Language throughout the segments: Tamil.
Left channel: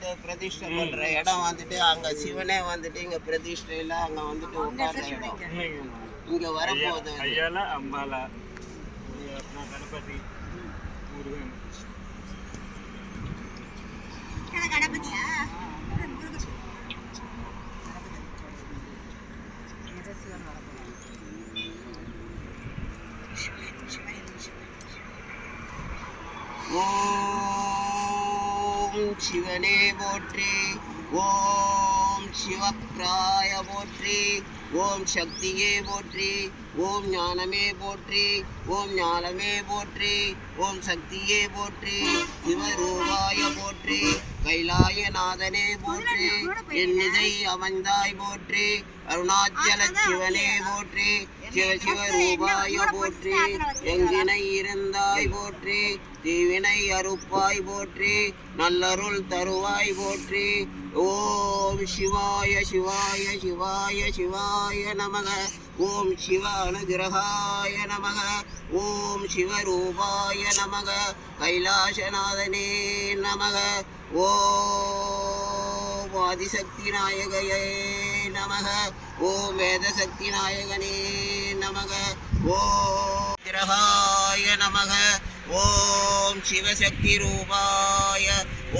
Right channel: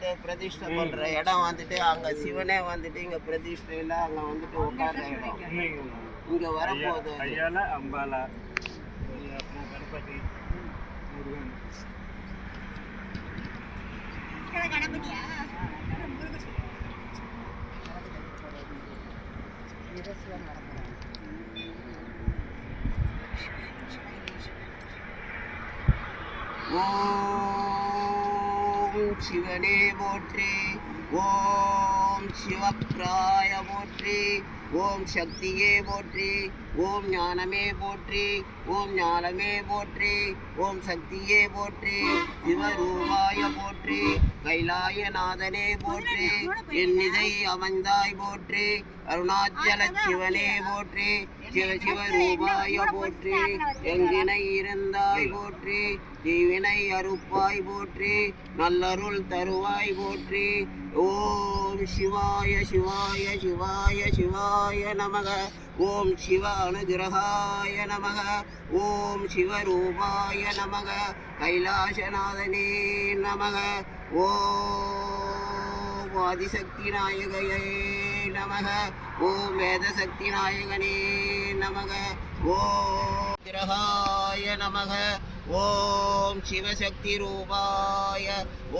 வந்துட்டு பிரதிஷ்டை பண்ற இடம் வந்துட்டு அங்க சிவனே வந்துட்டு இங்க பிரதிஷ்டையில அங்க வந்துட்டு உட்கார்ற இடம் இங்க வரப்போகுது. அம்பாலா கணபதி முருகன் கணபதியா ஓம் சிவனே போற்றி, ஓம் சிவப்ராய போற்றி, ஓம் சக்தியே போற்றி, ஓம் ஞானமே போற்றி, ஓம் ஞானமே போற்றி, ஓம் சக்தியே போற்றி, சிவரூபாய போற்றி, கைலாயநாதனே போற்றி, என்னிசை அமைந்தாய் போற்றி, அருணாச்சல சிவனே போற்றி, சிவ சிவ ரூபாய போற்றி, எங்கினை இருந்தாய் போற்றி, தீவினை அறுப்பாய் போற்றி, நல்லருள் தருவாய் போற்றி. ஓம் சிவாய சிவாய சிவாய சிவாய நமக, ஓம் சிவ அனுகிரகாய நமக, ஓம் சிவரூபாய நமக, கைலாசநாதனே நமக, ஓம் ஆதிசக்தி நாயகையே நமக, ஓம் வேதசக்தி நாயகனே நமக, ஓம் கிரகாய நமக, ஓம் சிவசக்தி ரூபாய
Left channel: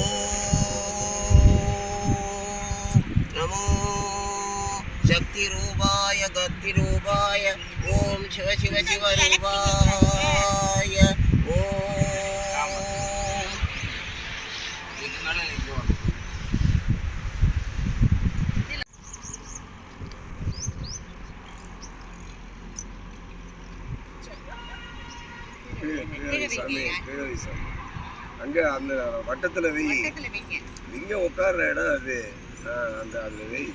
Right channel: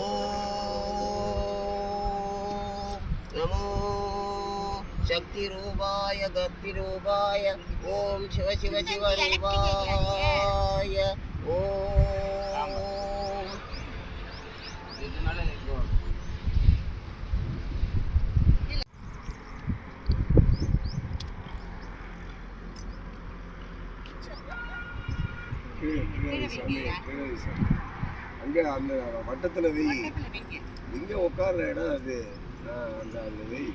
ஓம் நமோ சக்தி ரூபாய கத்தி ரூபாய ஓம் சிவ சிவ சிவ ரூபாய ஓம். அங்க அந்த வட்டத்துல வெய், இங்க உட்கார்ற இடம் அது, அந்த அதுல வெய்.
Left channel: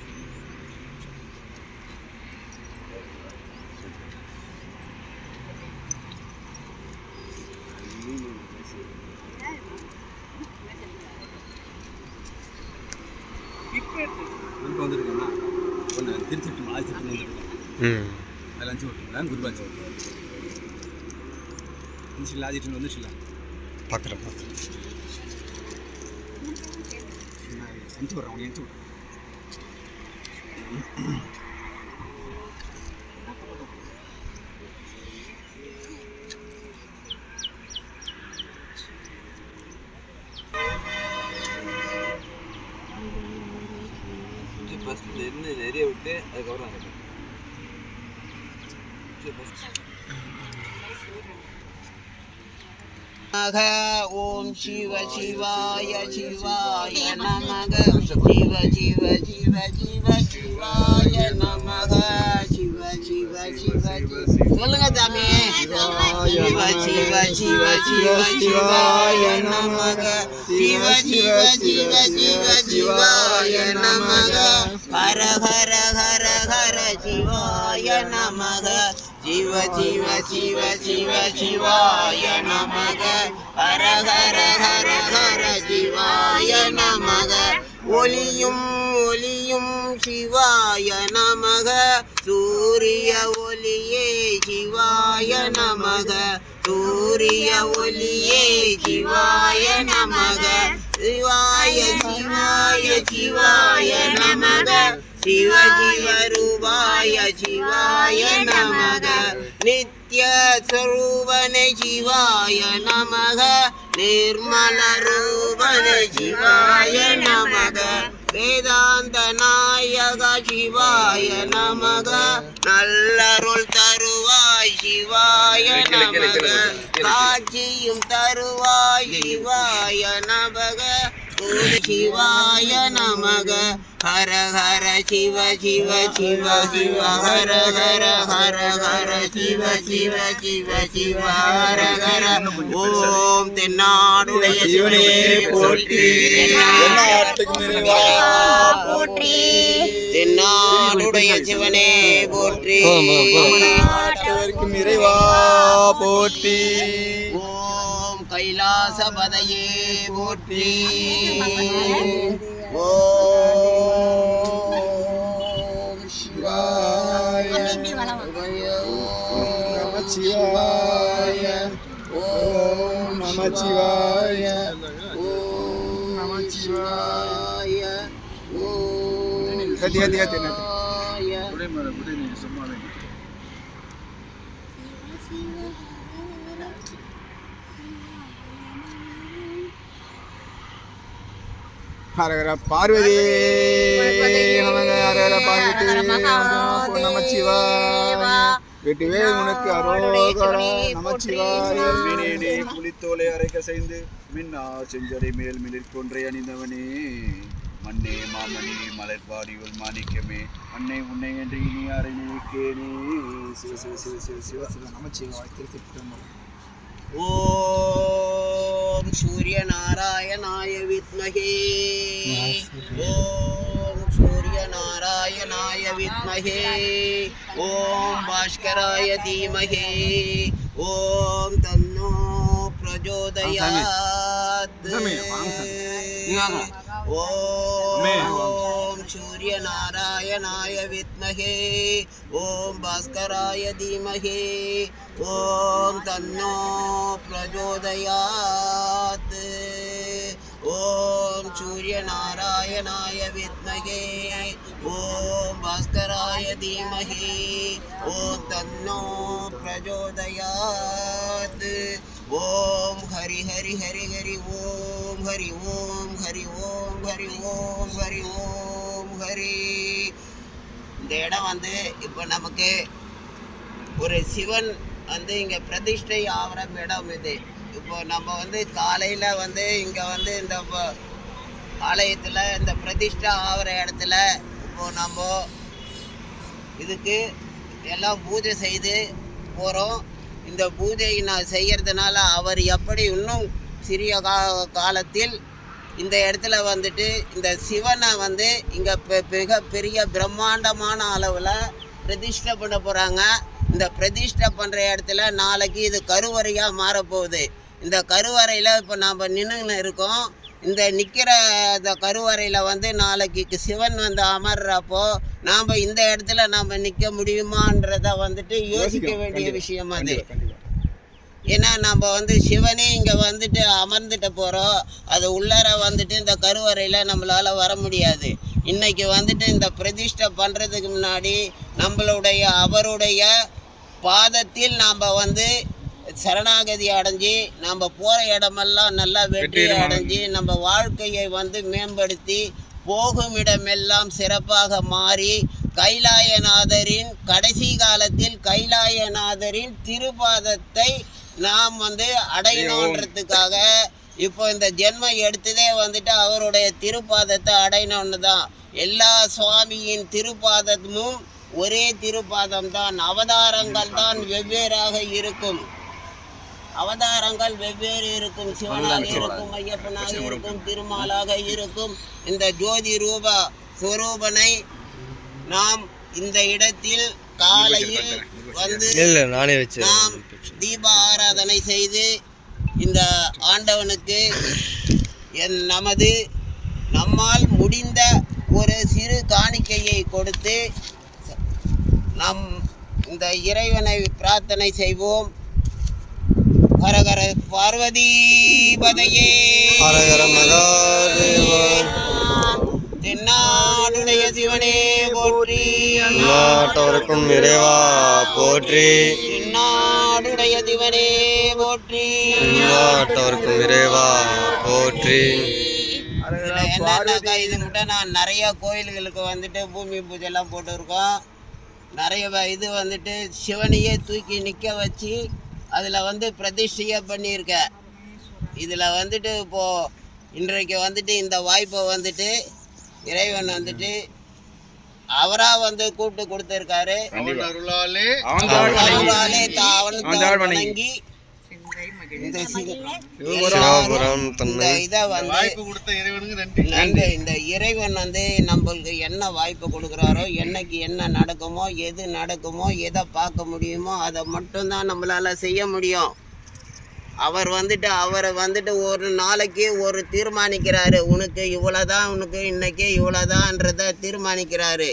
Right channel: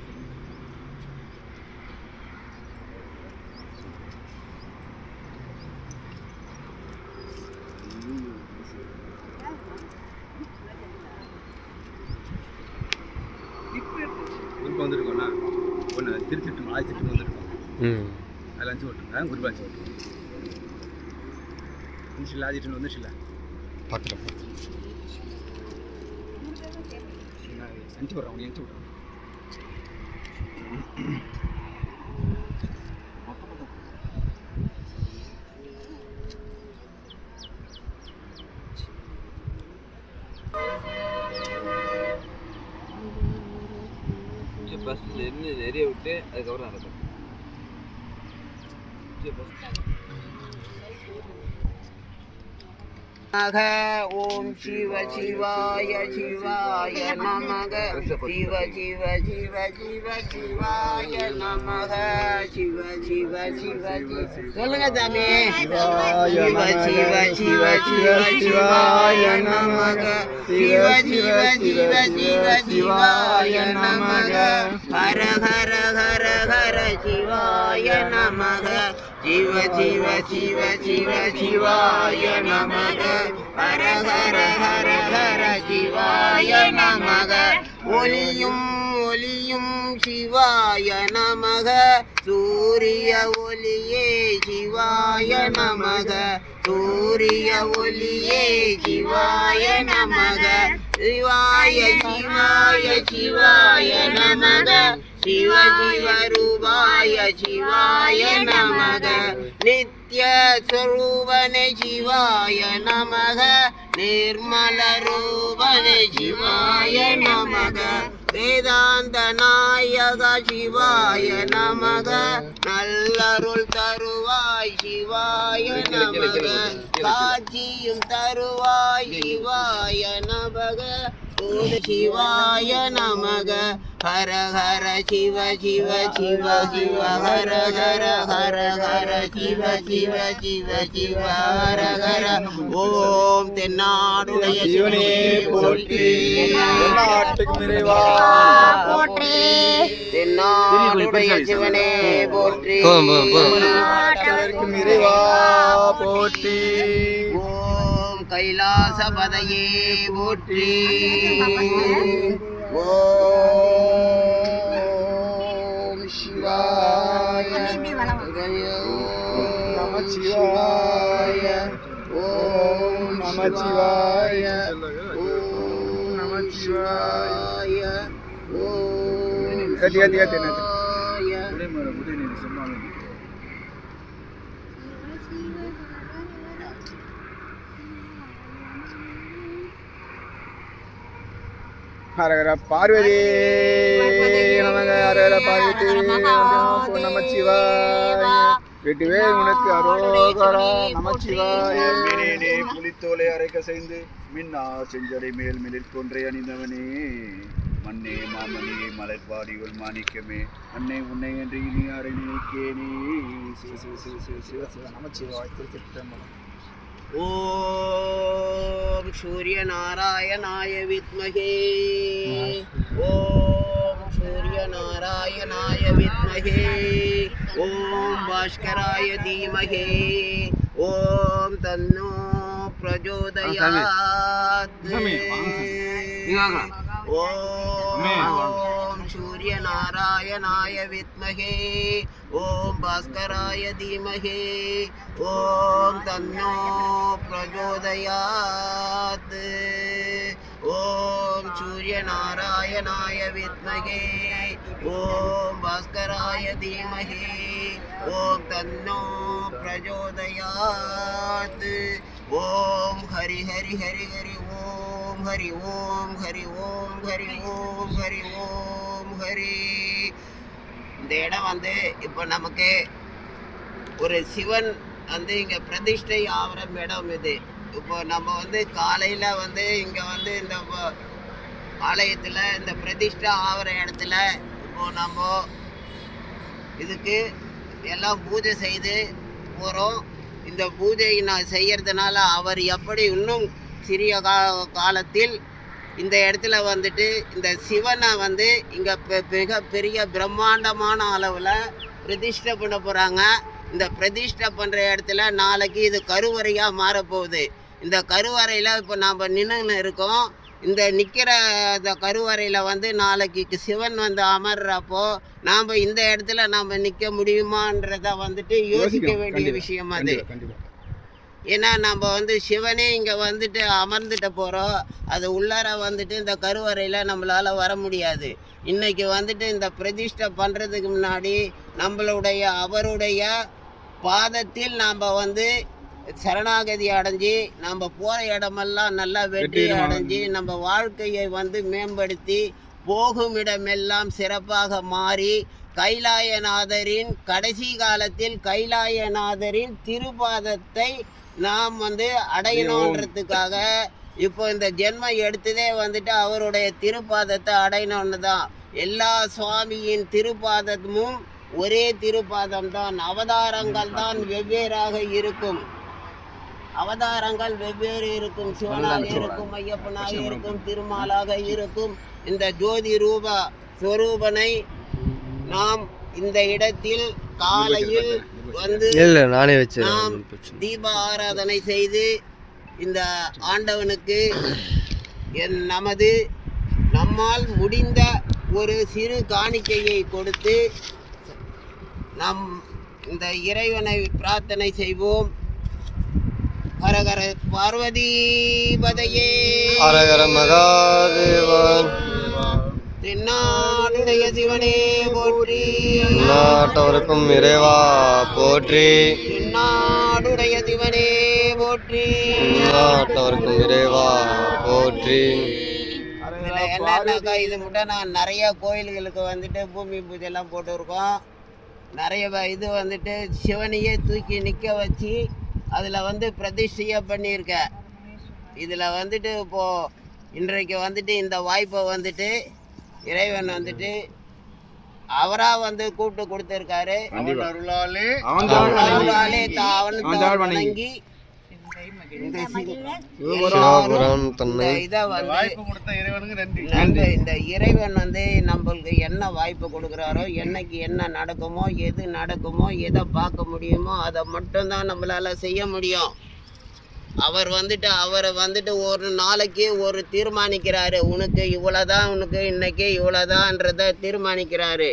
வந்துருக்கோம்னா ஒன்று திருச்சிட்டு ஆயிரத்தி வந்துருக்கோம், அதில் அஞ்சு விட்டுருக்கேன் குருபாஞ்சி வந்துச்சுல, ஆதிட்டு வந்துச்சுல பார்க்குறேன் அஞ்சு விட்றேன் உனக்கு அஞ்சு ஃபஸ்ட்டு இன்னும் நிறைய விட்டு அதுக்கப்புறம் அதை ஓம் சிவ சிவாய சிவாய நமக, சிவ சிவ சிவ சிவ சிவாய நமக, சிவ சிவ சிவ சொல்லுங்க சாமி. சிவ சிவ சிவ சிவ சிவாய நமக, சிவ சிவ சிவ சிவ சிவாய நமக, ஹர ஹர ஹர ஹர சிவாய நமக, சிவ சிவ சிவ சிவ சிவாய நமக, ஹர ஹர ஹர ஹர சிவாய நமக, ஒளியும் ஒளியும் சிவாய நமக, சூரிய ஒளியே சிவாய நமக, சூரிய ஒளியே சிவாய நமக, சிவாய சிவாய சிவாய நமக, சிவ சிவ ரூபாய சிவாய நமக, நித்ய ஸ்வரூபனே சிவாய நமக, நிர்மல ரூபனே சிவாய நமக, வேதாந்த நாயக சிவாய நமக, நல்லருள் தருவாய் சிவாய நமக, காட்சியும் தருவாய் சிவாய நமக, சிவாய நமக, ஹர ஹர சிவ சிவ சிவ சிவ ஹர ஹர ஹர ஹர சிவ சிவ சிவ சிவ ஹர ஹர. ஓம் தென்னாடுடைய சிவனே போற்றி, தென்னாடுடைய சிவனே போற்றி, இறைவா போற்றி, கைலாசபதையே போற்றி, ஓம் சிவாய நம சிவாய, ஓம் நம சிவாய, ஓம் நம சிவாய. ஹரஹர பார்வதி ஹரஹர பார்வதி நமச்சிவாய வெட்டுவே உனக்கு அரோகரா நமச்சிவாய புலித்தோலை அரைக்க செய்து மின்னா செஞ்சடை மேல் மிளிர்கொன்றை அணிந்தவனே மண்ணே மாமணி மலர்பாடியுள் மாணிக்கமே அன்னை உன்னை என்று இனி யாரை நினைக்கேனே நமச்சிவாய திருச்சிற்றம்பலம். ஓம் சூரிய நாராயணாய வித்மஹே ஓம் சூரிய நாராயணாய வித்மஹே ஓம் பாஸ்கராய தீமஹே ஓம் தன்னோ பிரச்சோதயாத் ஓம் சூரிய நாராயணாய வித்மஹே ஓம் பாஸ்கராய தீமஹே ஓம் தன்னோ பிரச்சோதயாத் ஓம் சூரிய நாராயணாய வித்மஹே ஓம் பாஸ்கராய தீமஹே ஓம் தன்னோ பிரச்சோதயாத் ஓம் ஹரி ஹரி ஹரி ஹரி ஓம் ஹரி ஓம் ஹரி ஓம் ஹரி ஓம் ஹரி ஓம் ஹரி. இந்த இடம் வந்து இப்போ நமக்கு ஒரு சிவன் வந்து இங்கே பிரதிஷ்டை ஆகிற இடம் இது. இப்போ நம்ம வந்து காலையில் வந்து இங்கே வந்து இந்த ஆலயத்தில் இந்த பிரதிஷ்டை ஆகிற இடத்துல இப்போ நம்ம இதுக்கு எல்லாம் பூஜை செய்து போகிறோம். இந்த பூஜையை நான் செய்கிறதுனால அவர் எப்படி இன்னும் சிறிய காலத்தில் இந்த இடத்துல வந்துட்டு இந்த சிவனை வந்து இங்கே மிகப்பெரிய பிரம்மாண்டமான அளவில் பிரதிஷ்டை பண்ண போகிறாங்க. இந்த பிரதிஷ்டை பண்ணுற இடத்துல நாளைக்கு இது கருவறையாக மாறப்போகுது. இந்த கருவறையில் இப்போ நாம் நின்றுன்னு இருக்கோம். இந்த நிற்கிற இந்த கருவறையில் வந்து நாளைக்கு சிவன் வந்து அமர்றப்போ நாம் இந்த இடத்துல நாம் நிற்க முடியுமான்றதை வந்துட்டு யோசிக்க வேண்டிய விஷயம் அது. ஏன்னா நம்ம வந்து சிவனே இங்கே வந்துட்டு அமர்ந்துட்டு போகிறோம். அது உள்ளார வந்துட்டு இந்த கருவறையில் நம்மளால் வர முடியாது. இன்றைக்கி வந்துட்டு இந்த பிரதிஷ்டை பண்ணுறதுக்கு முன்னாடி நம்மளுடைய அவருடைய பாதத்தில் நாம் வந்து சரணாகதி அடைஞ்சி நம்ம போகிற இடமெல்லாம் நல்லா வெற்றி அடைஞ்சி நம்ம வாழ்க்கையை வந்து மேம்படுத்தி போகும் இடமெல்லாம் சிறப்பாக மாறி கைலாயநாதரின் கடைசி காலத்தில் கைலாயநாதரின் திருப்பாதத்தை நாம் வந்து அடையணுன்றதுக்காக இப்போ இந்த ஜென்மம் எடுத்ததே வந்துட்டு அவருடைய திருப்பாதத்தை அடையணும்னு தான். எல்லா சுவாமியின் திருப்பாதமும் ஒரே திருப்பாதம் தான். அவதாரங்கள் தான் வெவ்வேறாக இருக்கும். அவதாரங்கள் வெவ்வேறு இருக்கும். சிவனாக இருக்கும், ஐயப்பனாக இருக்கும், திருமாலாக இருக்கும். இந்த ஜோதி ரூப ஸ்வரூபனை நாம் இந்த இடத்தில் காலையில் வந்து நாம் தீப ஆராதனை செய்து இந்த ஆண்டவனுக்கு நம்மால் முடிந்த ஒரு சிறு காணிக்கையை கொடுத்து நம் இந்த இறைவனை பிரார்த்தனை செய்வோம். ஹரஹர பார்வதி பதையே ஹரஹர மகாதேவா. தென்னாடுடைய சிவனே போற்றி, நாட்டவருக்கும் இறைவா போற்றி. தென்னாடுடைய சிவனே போற்றி, நாட்டவருக்கும் இறைவா போற்றி. என்னன்னாக்கா இது மட்டும் நான் நிறைய கோயில்களுக்கு வந்துட்டு பூமி பூஜைலாம் போட்டுருக்கோம். நிறைய இது வந்துட்டு சிவனையே தூக்கி நிற்க வச்சு அதில் வந்து பிரதிஷ்டையை பண்ணியிருக்கேன். இதில் வந்துட்டு இப்போது இன்றைக்கு வந்துட்டு இந்த வாய்ப்பை வந்துட்டு இறைவன் வந்துட்டு அவராக வந்து கூப்பிட்டு கொடுத்துருக்காரு. அவனாலே வணங்கி இந்த இதை வந்து இந்த இறைவன் வந்து நம்மளுக்கு என்ன வாய்ப்பு கொடுக்குறாரோ, என்னைக்கு என்ன நடக்குமோ, எது நடக்குமோ, எதை பார்க்க முடியுமோ அதை மட்டும்தான் நம்மளால் செய்ய முடியும். அவரை வந்துட்டு ஒரு நாளைக்கு ஒரு தீர்மானிக்கிறாரு. உனக்கு இவ்வளோதான், உனக்கு இன்னைக்கு இவ்வளோதான்றதை தீர்மானிக்கிறாரு.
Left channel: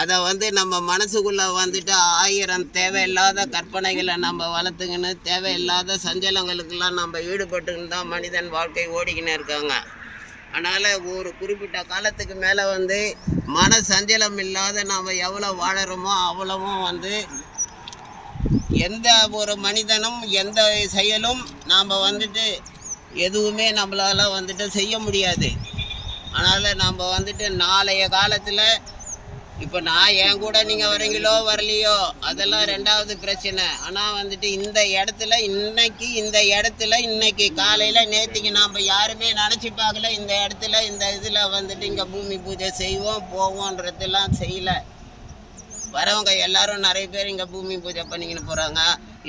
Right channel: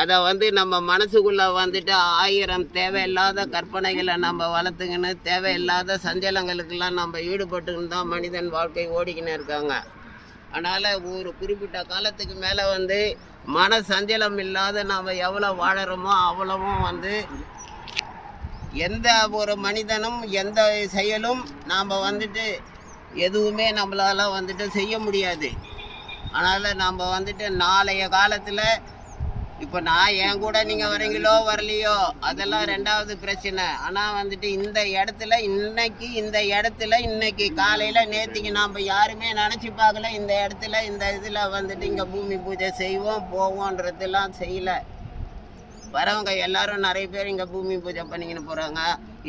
அதை வந்து நம்ம மனசுக்குள்ளே வந்துட்டு 1000 தேவையில்லாத கற்பனைகளை நம்ம வளர்த்துக்கின்னு தேவையில்லாத சஞ்சலங்களுக்கெல்லாம் நம்ம ஈடுபட்டுக்கின்னு தான் மனிதன் வாழ்க்கை ஓடிக்கின்னு இருக்காங்க. அதனால் ஒரு குறிப்பிட்ட காலத்துக்கு மேலே வந்து மன சஞ்சலம் இல்லாத நாம் எவ்வளோ வாழறோமோ அவ்வளவும் வந்து எந்த ஒரு மனிதனும் எந்த செயலும் நாம் வந்துட்டு எதுவுமே நம்மளால் வந்துட்டு செய்ய முடியாது. அதனால் நம்ம வந்துட்டு நாளைய காலத்தில் இப்போ நான் என் கூட நீங்கள் வரீங்களோ வரலையோ அதெல்லாம் ரெண்டாவது பிரச்சனை. ஆனால் வந்துட்டு இந்த இடத்துல இன்னைக்கு காலையில் நேற்றுக்கு நாம் யாருமே நினச்சி பார்க்கல இந்த இடத்துல இந்த இதில் வந்துட்டு இங்கே பூமி பூஜை செய்வோம் போவோன்றதெல்லாம் செய்யலை. வரவங்க எல்லாரும் நிறைய பேர் இங்கே பூமி பூஜை பண்ணிக்கின்னு போகிறாங்க.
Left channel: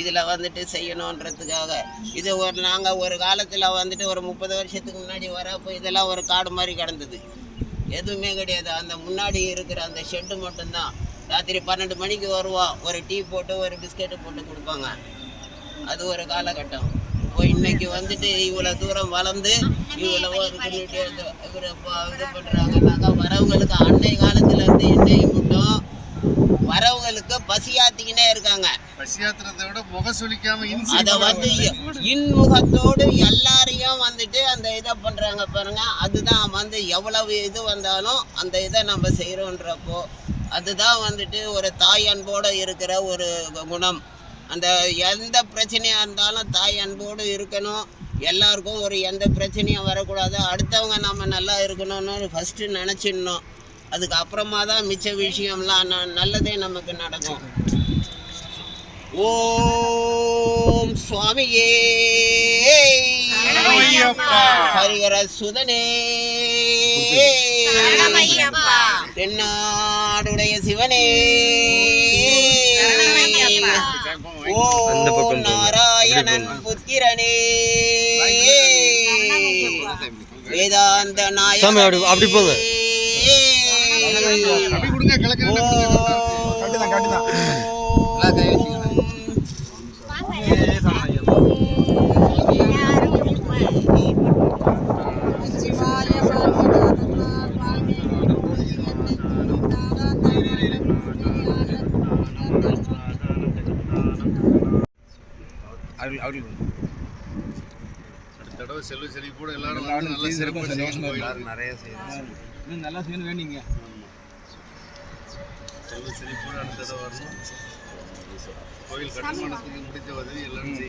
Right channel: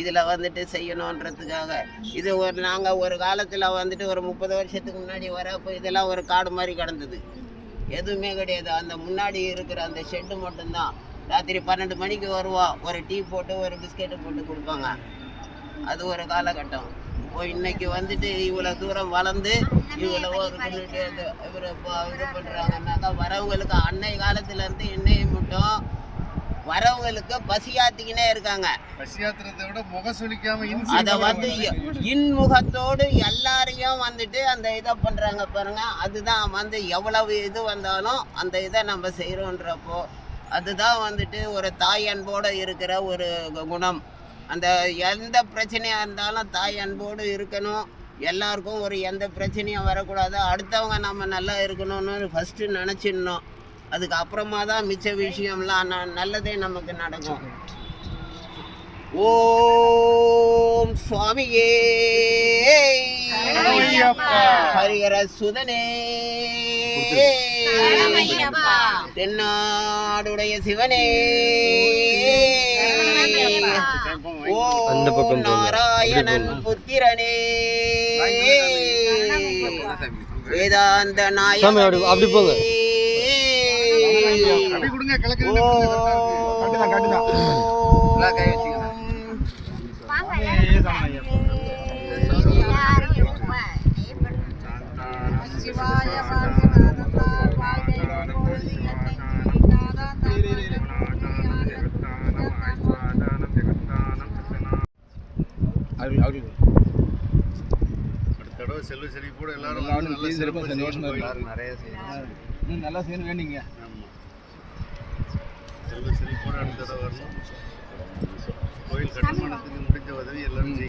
இதில் வந்துட்டு செய்யணுன்றதுக்காக இது நாங்கள் ஒரு காலத்தில் வந்துட்டு ஒரு 30 வருஷத்துக்கு முன்னாடி வரப்போ இதெல்லாம் ஒரு காடு மாதிரி கிடந்தது, எதுவுமே கிடையாது. அந்த முன்னாடி இருக்கிற அந்த ஷெட்டு மட்டும்தான். ராத்திரி 12 மணிக்கு வருவோம், ஒரு டீ போட்டு ஒரு பிஸ்கெட்டு போட்டு கொடுப்பாங்க. அது ஒரு காலகட்டம். இப்போ இன்னைக்கு வந்துட்டு இவ்வளோ தூரம் வளர்ந்து இவ்வளோ ஒரு இவர் இது பண்ணுறாங்கன்னாக்கா வரவங்களுக்கு அன்னை காலத்தில் இருந்து இன்னைக்கு மட்டும் வரவங்களுக்கு பசியாத்திக்கினே இருக்காங்க. பசியாத்திரத்தை விட முகசுலிக்காம அதை வந்து இன்முகத்தோடு எல்லாரையும் வந்துட்டு அந்த இதை பண்ணுறாங்க பாருங்க. அதுதான் வந்து எவ்வளவு இது வந்தாலும் அந்த இதை நம்ம செய்கிறோன்றப்போ அதுதான் வந்துட்டு ஒரு தாய் அன்போடு இருக்கிற ஒரு குணம். அந்த எந்த பிரச்சனையாக இருந்தாலும் தாய் அன்போடு இருக்கணும். எல்லாருக்கும் ஒரு எந்த பிரச்சனையும் வரக்கூடாது. அடுத்தவங்க நம்ம நல்லா இருக்கணும்னு ஃபஸ்ட்டு நினச்சிடணும். அதுக்கு அப்புறமா தான் மிச்ச விஷயம்லாம் நல்லதே நமக்கு நடக்கும். ஓம் சுவாமியே ஹரிஹர சுதனே தென்னாடுடைய சிவனே ஓம் நாராயணன் புத்திரனே வேதாந்த நாயகனே அப்படி போங்க. அப்படி கொடுங்க கிழக்கு தடவை செல்வ செழிப்போட எல்லாரும் வந்து நல்ல சிறப்பாக செய்யணும். நிறைய செய்யணும், நல்லா செய்யணும் வேண்டிங்க. ஆமாம், செல்வ செழிப்போட அடுத்த தடவை வரணும். கோயில் கட்டுமானத்துக்கு முடிஞ்ச உதவி எல்லாரும்